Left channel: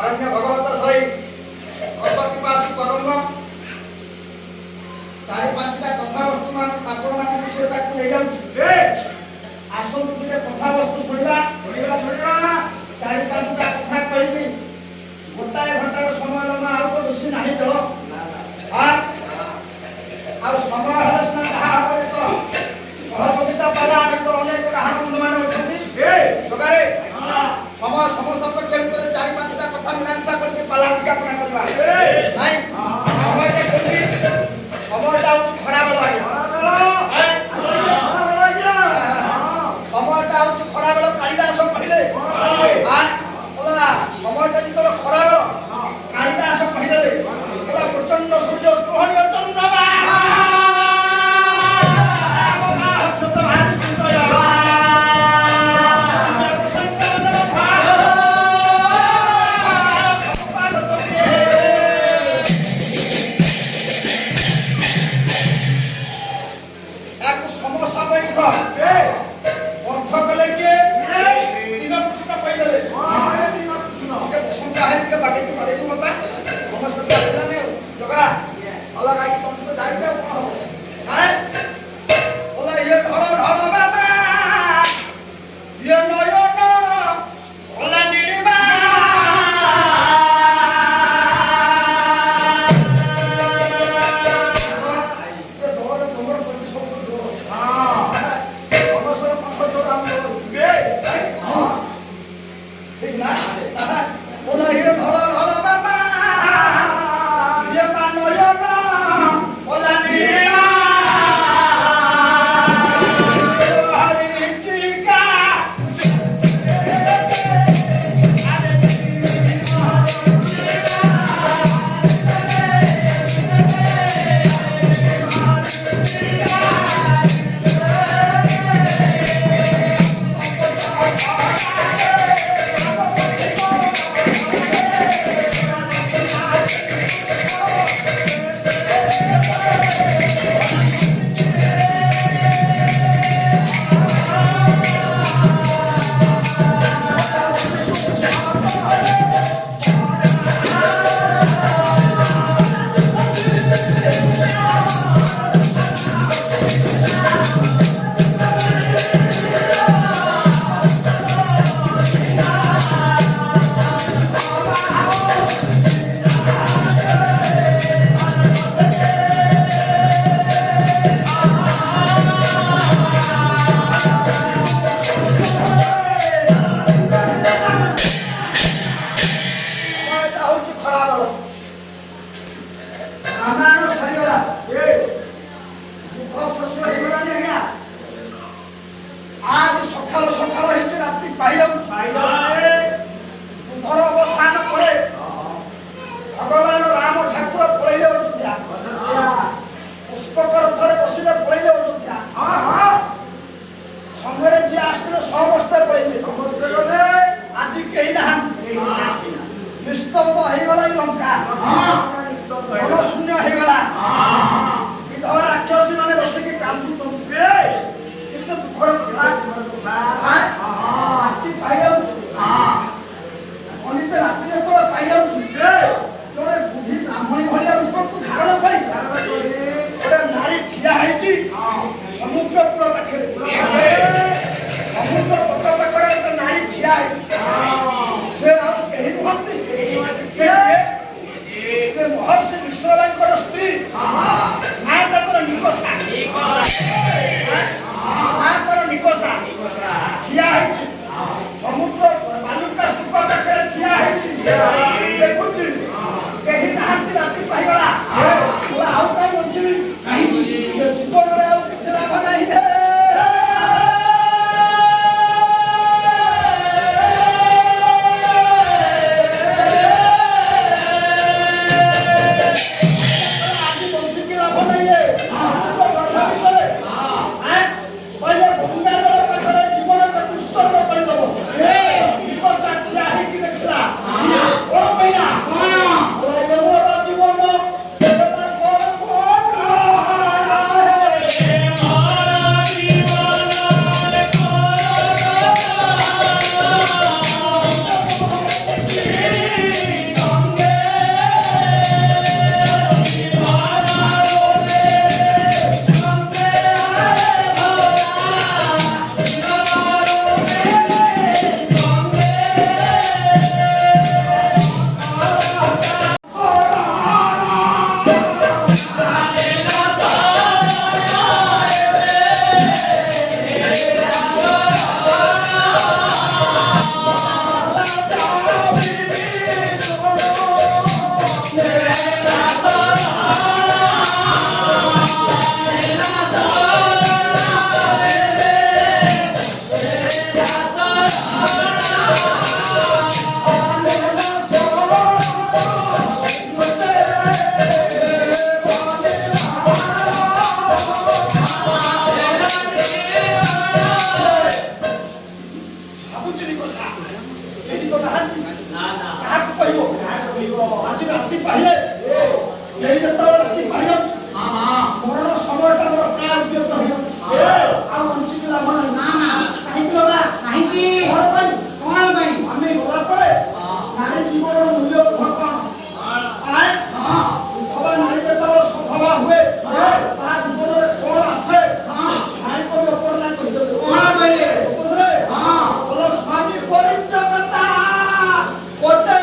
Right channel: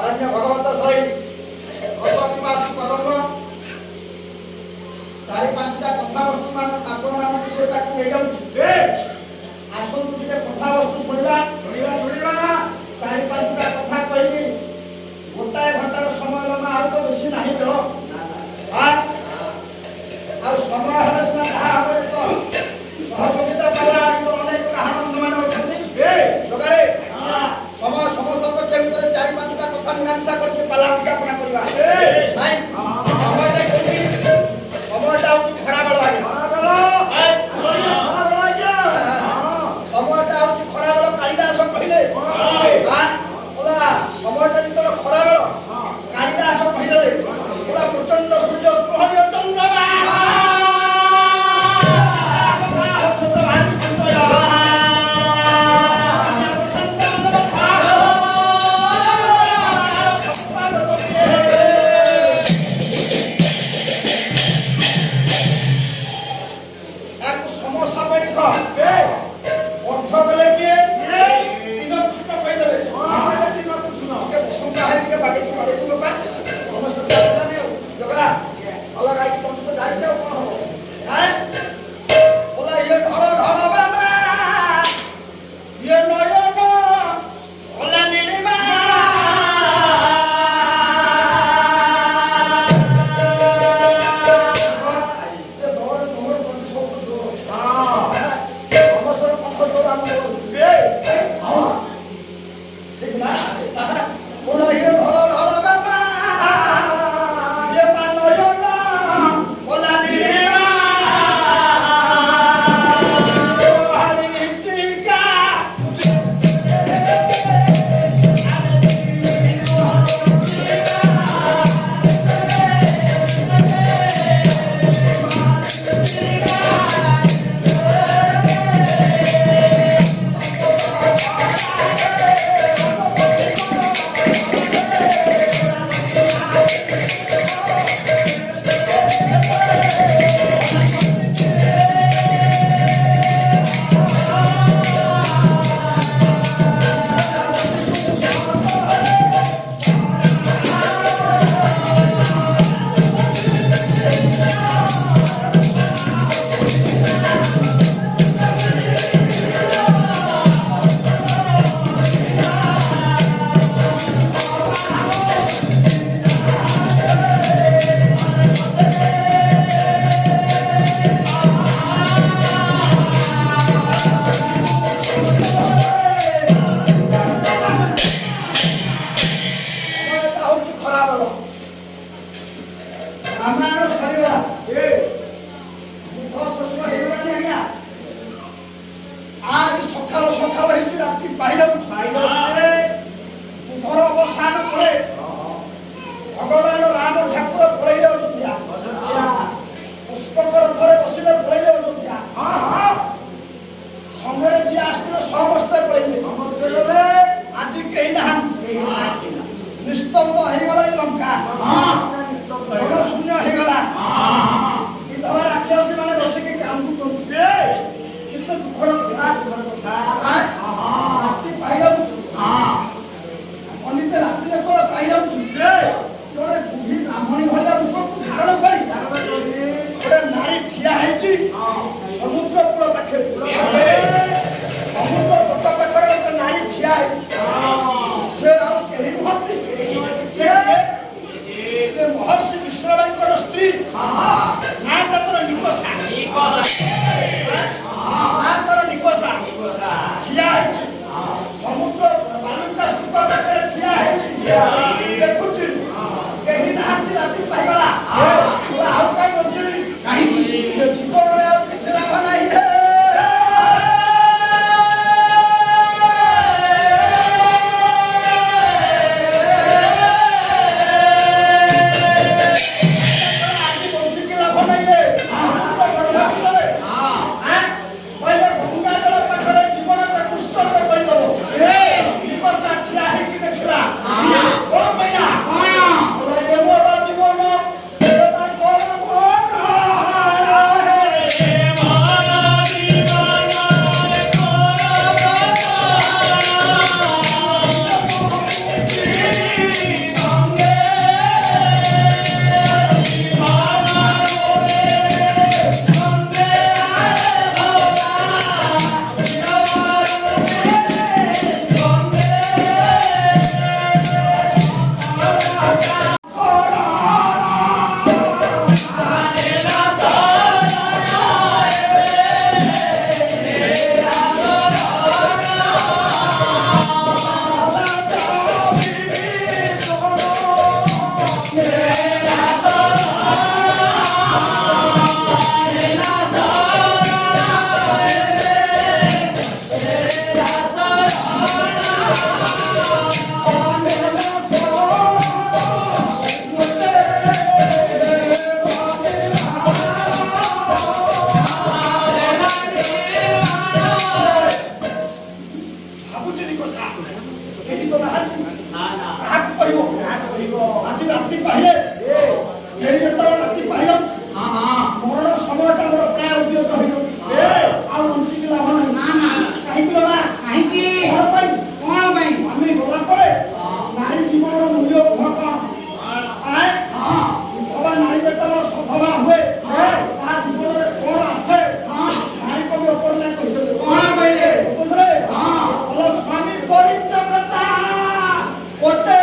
ଅରଣ୍ୟ ଭଗବତ ସହି ଅସତିପାଶ ପଦମ ଚାରି ପାଞ୍ଚଟା କଥାବସ୍ତୁ ଆପଣମାନଙ୍କ ସେଟାକୁ ନେଇଯାଉଛି। ଆସନ୍ତୁ ଟିକେ କଥାବସ୍ତୁ ଶୁଣିବା। ଚାରି ପାଞ୍ଚଟା କଥା କହିବି, ଗୋଟାଏ ଘଣ୍ଟାର ସମୟ ନେବା, ଆଉ ତ ବେଶୀ ନାହିଁ ବେଳ। ଆଉ ସମୟ ହେଲେ ସିନା ଯାହା ହବ। ସହଯୋଗିତା ପାଇଲା ଆମର ଅନେକ ଗାହାଣ ବନ୍ଧୁମାନେ ଅଛନ୍ତି ଯୋଗାରେ। ସମୟ ସମସ୍ତଙ୍କ ଭିତରେ ଚାରି ପାଞ୍ଚଟା କଥା ମୀମାଂସା କରିକି ପାଲା ଉଦ୍ଯାପନା କରିବା ନାଇଁ। ସମୟଟା କୋଉଠି? ସମୟଟା ହଉଛି ଖରାବେଳ ଆଜ୍ଞା। ସମୟଟା ହଉଛି ଖରାବେଳ। କାଳିଦାସ କହିଲେ ସମୟଟା ଯେତେବେଳେ ଖରାବେଳ, କାଳିଦାସ କହିଲେ ପ୍ରଚଣ୍ଡ ସୂର୍ଯ୍ୟ ସ୍ପୃହଣୀୟ ଚନ୍ଦ୍ରମା ଅର୍ଥ କଲେ କିଏ? ଦିନକୃଷ୍ଣ କହିଦେଲେ। ବସନ୍ତା ହେଲେ ଟିକେ ବାଗେଇକି ବାଡେଇକି ବାପା ସମସ୍ତେ ଆସିଲାନି ଆଉ ଜଗା ଅଲଗା ହେଇକି ତମେ ତ ଯାଇଛ ଆଉ କଣ ହବ? ବୋଲା ଇଏ ଢଳ ଢଳ ବାବା, ଇଏ ନୟନ ଭଲା ନୀଳିମା, ঠিক না? বলা হিরো ঢল ঢল বাবা, ইয়ে মা নয়ন বলা নীলিমা, হরি চিকা ଭଗବାନ ରାମ ଠାକୁର ପଳେଇଲେ ଅଯୋଧ୍ୟା। ପୁଷ୍ପକ ରଥରେ ବସିଲେ ପଳେଇଲେ ଅଯୋଧ୍ୟା। ସଙ୍ଗରେ ଯିଏ ଆସିଥିଲେ ସମସ୍ତେ ପଳେଇଲେ। ଆଜି କେହି ନାହାନ୍ତି। ନିସ୍ତବ୍ଧ ହେଇଗଲା ଏଇ ଲଙ୍କା, ଜନଶୂନ୍ୟ ହେଇଗଲା। ବିଧବା ରାକ୍ଷସୀ ମାନେ ବସିକି କାନ୍ଦୁଛନ୍ତି। କିନ୍ତୁ ଦୁଃଖର କଥା, ରାତି ପାଇଯାଉଛି। ଅନିତ ରାତି ଯେତେବେଳେ ପାଇଯାଉଛି, ଜଣେ ବୁଢୀ ବ୍ରାହ୍ମଣୀ ଭଳିଆ ରୂପକୁ ଧାରଣ କରି ଗୋଟେ ନାରୀ ଠିଆ ହେଇଛି ସମୁଦ୍ର କୂଳ ପାଖରେ। ସମୁଦ୍ର ତଟ ପାଖରେ ଗୋଟେ ନାରୀ ଠିଆ ହେଇଛି। ସେ ଆଉ କେହି ନୁହନ୍ତି, ସେ ମହର୍ଷି ବିଶ୍ଵଭାଇଙ୍କର ସ୍ତ୍ରୀ। ନା ତାଙ୍କର ନିକଷା, ଠିଆ ହେଇଛି ସମୁଦ୍ର ବାଲୁକା ସ୍ତୂପ ପାଖରେ ଠିଆ ହେଇଛି। ଦେଖୁଛି କେହି ନାହାନ୍ତି, ରାତି ପାଇଗଲା। ଆଉ କାହିଁ ବଞ୍ଚିବି? ଜୀବନରେ ଆଉ କିଛି ଲାଭ ନାହିଁ। ଆଜି ବଞ୍ଚିକି କେହି ତ ନାହାନ୍ତି କାହାକୁ କହିବ ଆଜି ରାତି ପାହିଲେ କେହି ଯେତେବେଳେ ରାତି ପାହିଯାଉଛି ମରଣ ସମୟଟା ମୋର ପ୍ରାୟ ଉଦ୍ୟତ ହେଇଯାଉଛି ଆଉ ବଞ୍ଚିକି ଲାଭ ନାହିଁ କାହିଁକି ବାବା କାହିଁକି କଣ ପାଇଁ ଆମେ ଗଲା ପରେ ନାରୀ ଜୀବନର ମୂଲ୍ୟବୋଧ କଣ ଅଥବା ନାରୀ ଯେତେବେଳେ ସଧବା ହୁଏ ତା ଜୀବନରେ କଣ ଆସେ ନାରୀ କବି ଅପର୍ଣ୍ଣା କହିଦେଲେ କଣ କହିଲେ ବୁଝିଲେ ଭଲ ସ୍ୱାମୀ ପରିତ୍ୟକ୍ତା ଗୋଟେ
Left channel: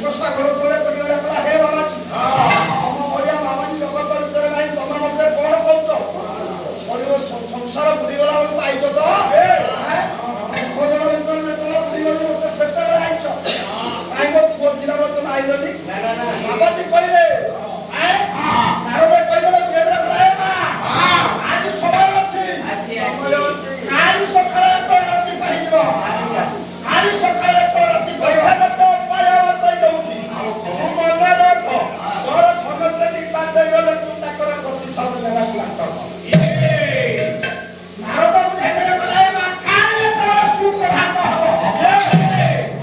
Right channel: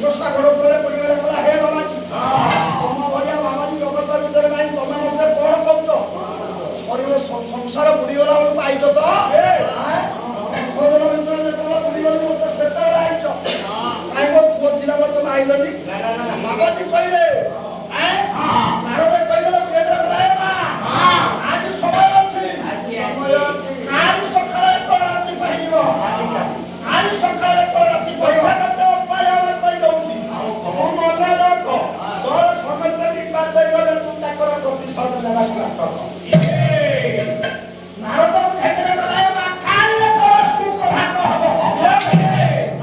ମୁକସା ଘର ତଳେ ପଡ଼ିଗଲା କହିଲା ହେ ମାମାଜୀ ତମ ଭଳିଆ ମାମାଜୀ ଜଗତ ଭିତରେ ନାହିଁ ତମେ ମତେ କଣ କହୁଛ ଶରୀର ସଂସାର ବୁଡ଼ିଗଲା ବେଳକୁ ଆଇଛ ତ ଭୋଜନ ଭିତରେ ଯେତେବେଳେ ବୁଡ଼ିଗଲି ମତେ ସେତେବେଳେ ଆଇଛ କାହିଁ ମୋ ପୁଅ ଥିଲା ବେଳେ ତମେ ଆଇଲନି ମାମାଜୀ କହିଲେ ନାରଦ କହିଲେ ଆଜି ସମୟ ଅଛି ଆଜି ସକାଳେ ରାତି ପାଇଯିବ ଆଜି ସକାଳେ ରାତି କହିବ କହିଦଉଛି ମନେ ରଖ ତୋର ସମସ୍ତେ ନିପାତ ହେଇଗଲେ ତୁ ତାଙ୍କର ପ୍ରତିଶୋଧ ନେବାକୁ ଲାଗ ନାରଦ ବୁଝାଇଦେଲେ କହିଲେ ସୁପ୍ରଭାତ ହବ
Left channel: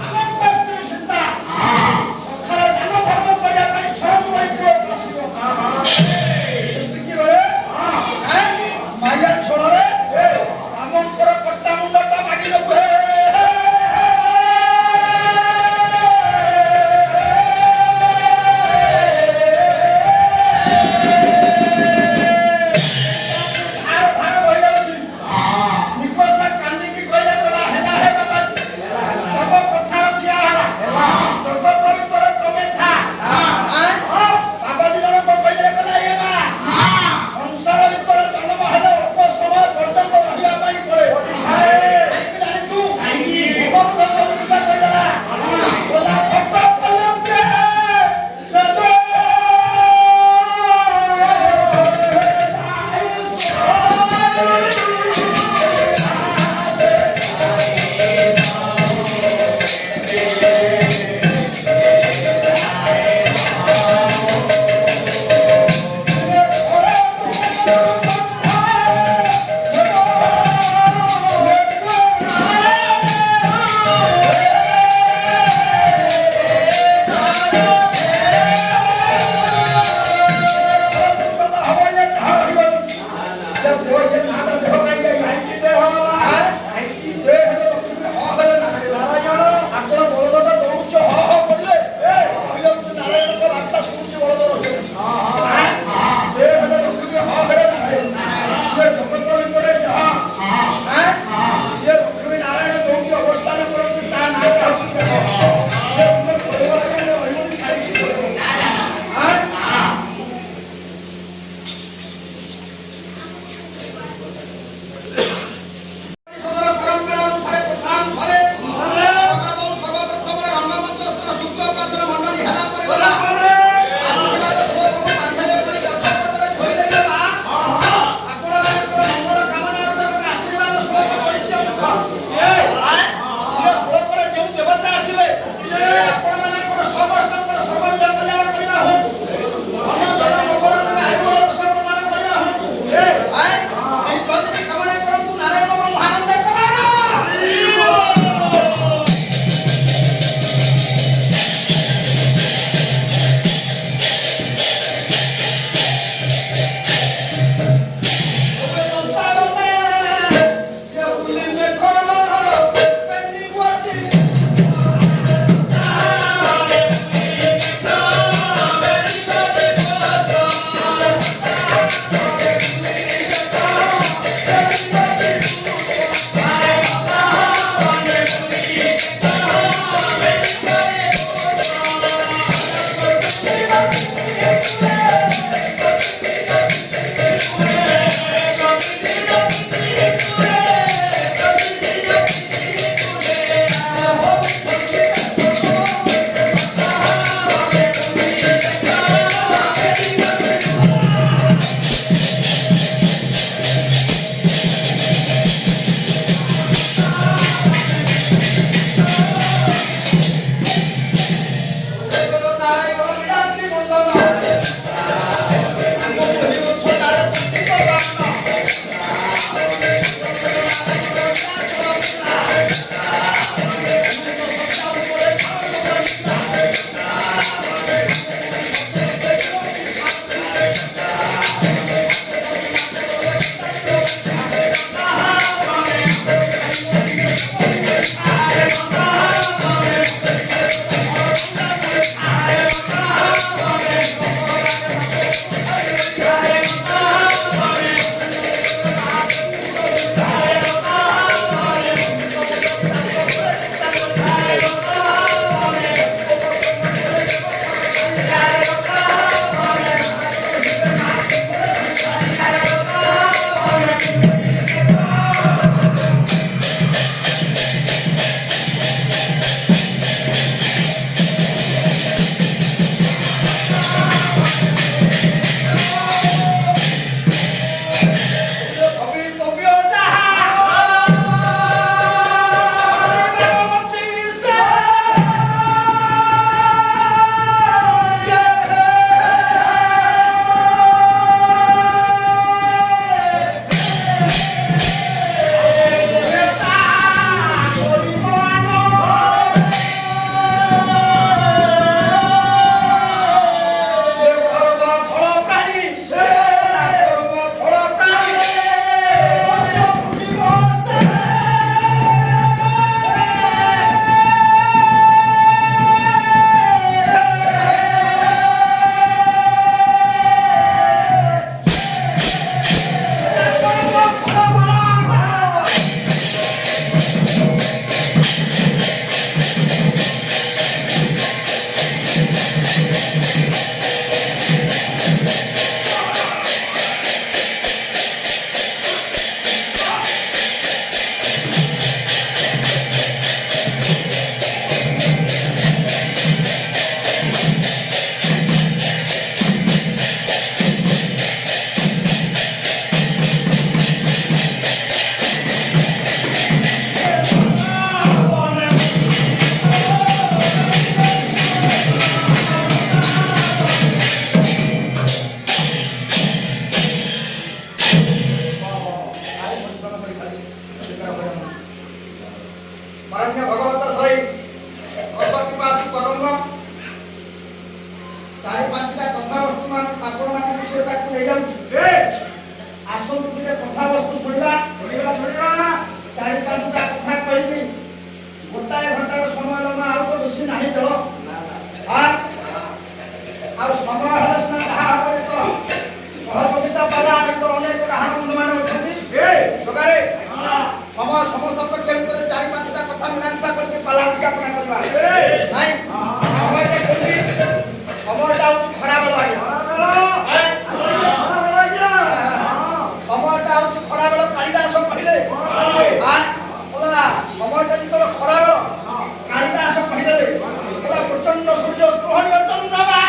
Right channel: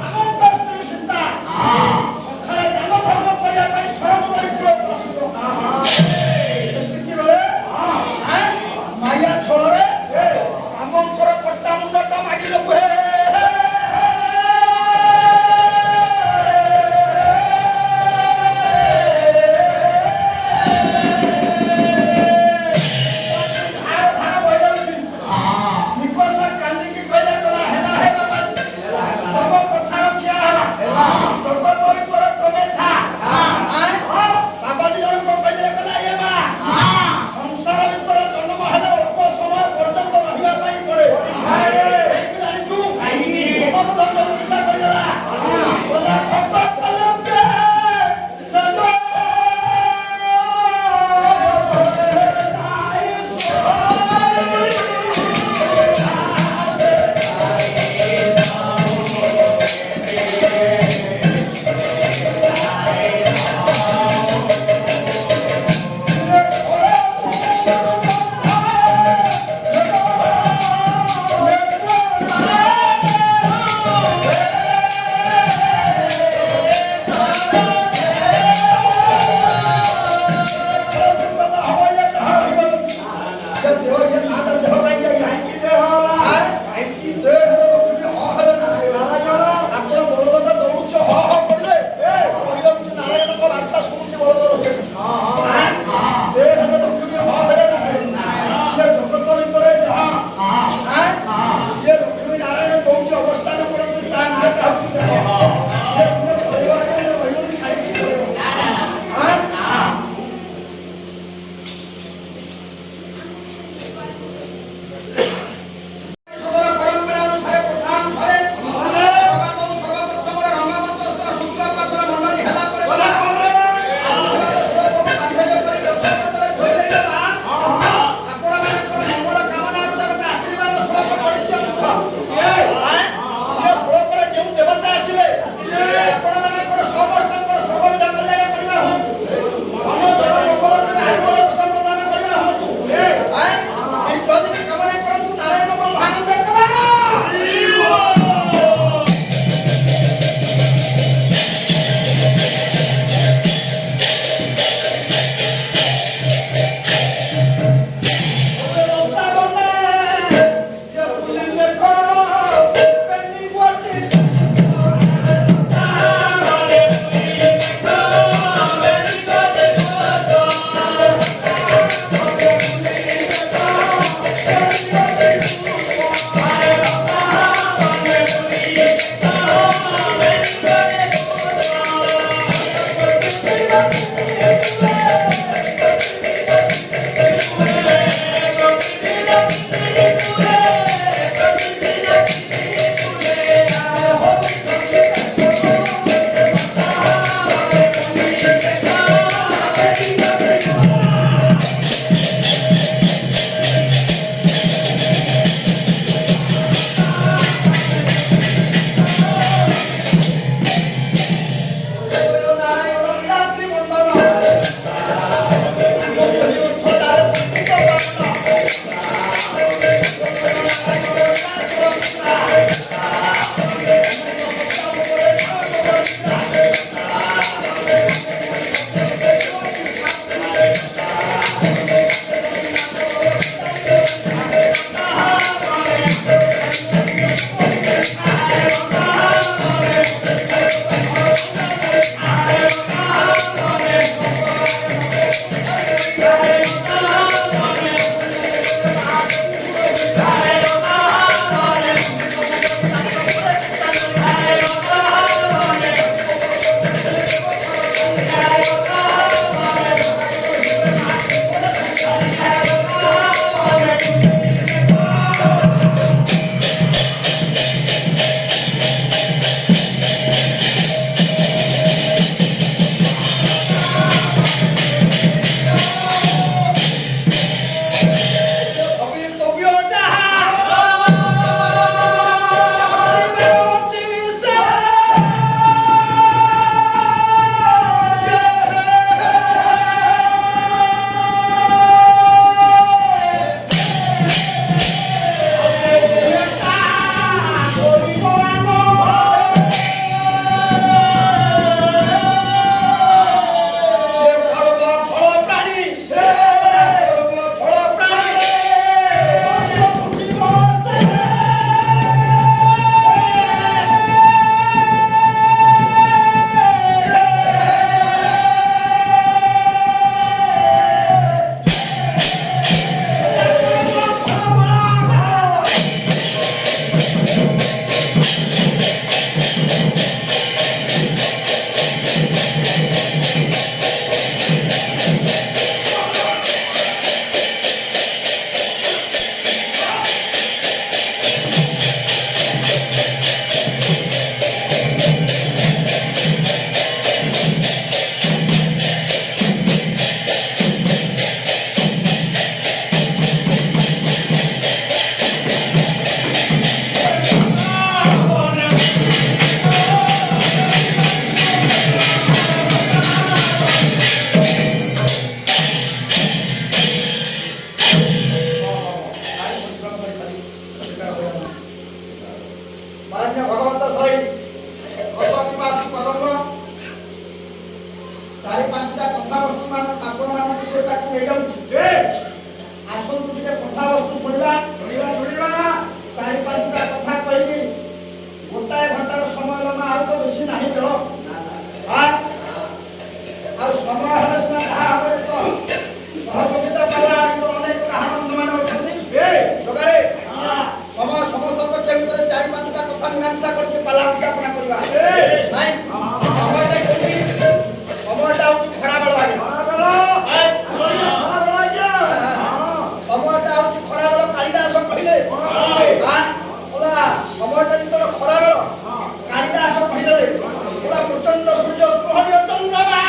ଆମ ସ୍ତ୍ରୀ ସୀତା ସକାଳେ ଦାନ ଧର୍ମ କରିବା ପାଇଁ ସ୍ୱୟଂ ଆସିବ ସେତିକି ବେଳେ ମାୟା ଛଳରେ ରାମଙ୍କର କଟା ମୁଣ୍ଡଟା ମାଗି ନେବୁ ହେ ଚାରି ପାଞ୍ଚଟା କଥାବସ୍ତୁ ଆପଣମାନଙ୍କୁ ସେ ପାଖକୁ ନେଇଯାଉଛି। ଆସନ୍ତୁ ଟିକେ କଥାବସ୍ତୁ ଶୁଣିବା। ଚାରି ପାଞ୍ଚଟା କଥା କହିବି, ଗୋଟାଏ ଘଣ୍ଟାର ସମୟ ଲମ୍ବା, ଆଉ ତ ବେଶୀ ନାହିଁ ଜଳ। ଆଉ ସମୟ ହେଲେ ସିନା ଯାହା ହବ। ସହଯୋଗିତା ପାଲା ଆମର ଅନେକ କାହାର ବନ୍ଧୁମାନେ ଅଛନ୍ତି ଜଗାରେ। ସମୟ ସମସପକ୍ଷ ଭିତରେ ଚାରି ପାଞ୍ଚଟା କଥା ମୀମାଂସା କରିକି ପାଲା ଉଦ୍ଯାପନା କରିବା। ନାଇଁ, ସମୟଟା କୋଉଠି? ସମୟଟା ହଉଛି ଖରାବେଳ ଆଜ୍ଞା। ସମୟଟା ହଉଛି ଖରାବେଳ। କାଳିଦାସ କହିଲେ ସମୟଟା ଯେତେବେଳେ ଖରାବେଳ, କାଳିଦାସ କହିଲେ ପ୍ରଚଣ୍ଡ ସୂର୍ଯ୍ୟ ସ୍ପୃହଣୀୟ ଚନ୍ଦ୍ରମା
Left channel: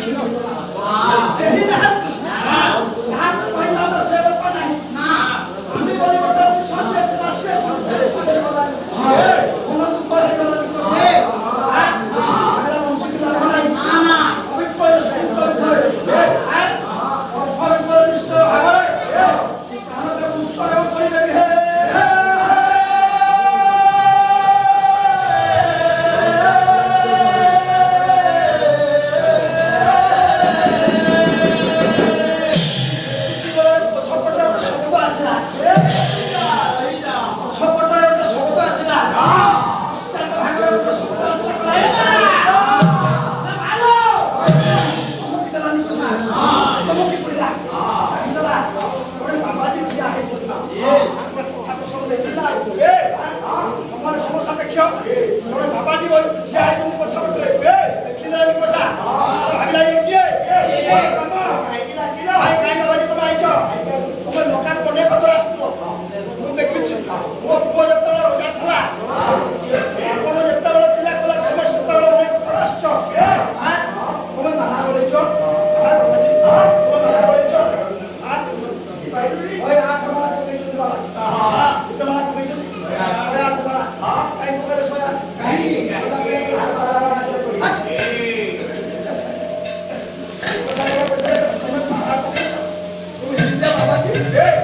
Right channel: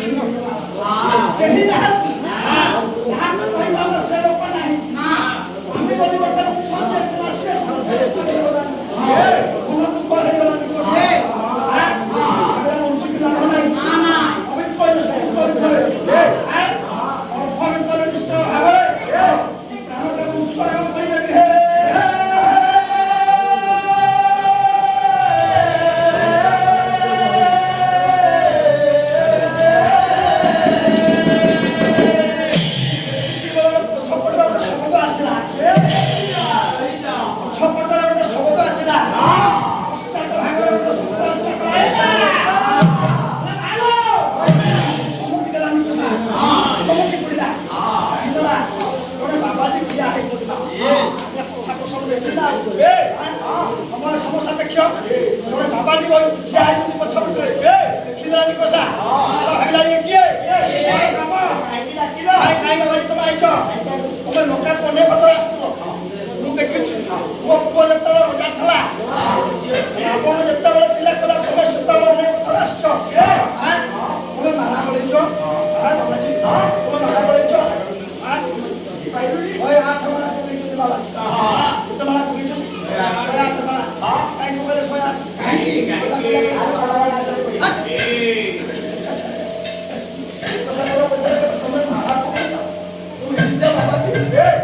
କେହି ନାହାନ୍ତି ଯାହାକୁ କହିବା ସେ ଲୋକ ନାହିଁ ଆମେ ବୋଲି ଗୋଟେ ସନ୍ଦେହ ଥିଲା ସେ ମନ ଦୁଃଖ ହେଇଗଲାଣି बाबाजी पछपटे देखिला निकोसा भाविला किए बाबाजी तुम आईच तुम लोका कोने पत्र आसतो मु देखिछु मो पुओ जतबे रजा थला आपण जतबे तिला कला तुम सुतबे अनेक पत्र आसछो तुम माना बोलैछो बाबाजी तुम माना बोलैछो ओए आठ माना को देखिछु बाबाजी तुम माना को देखिछु ओए आठ माना काई को गले सोया बाबाजी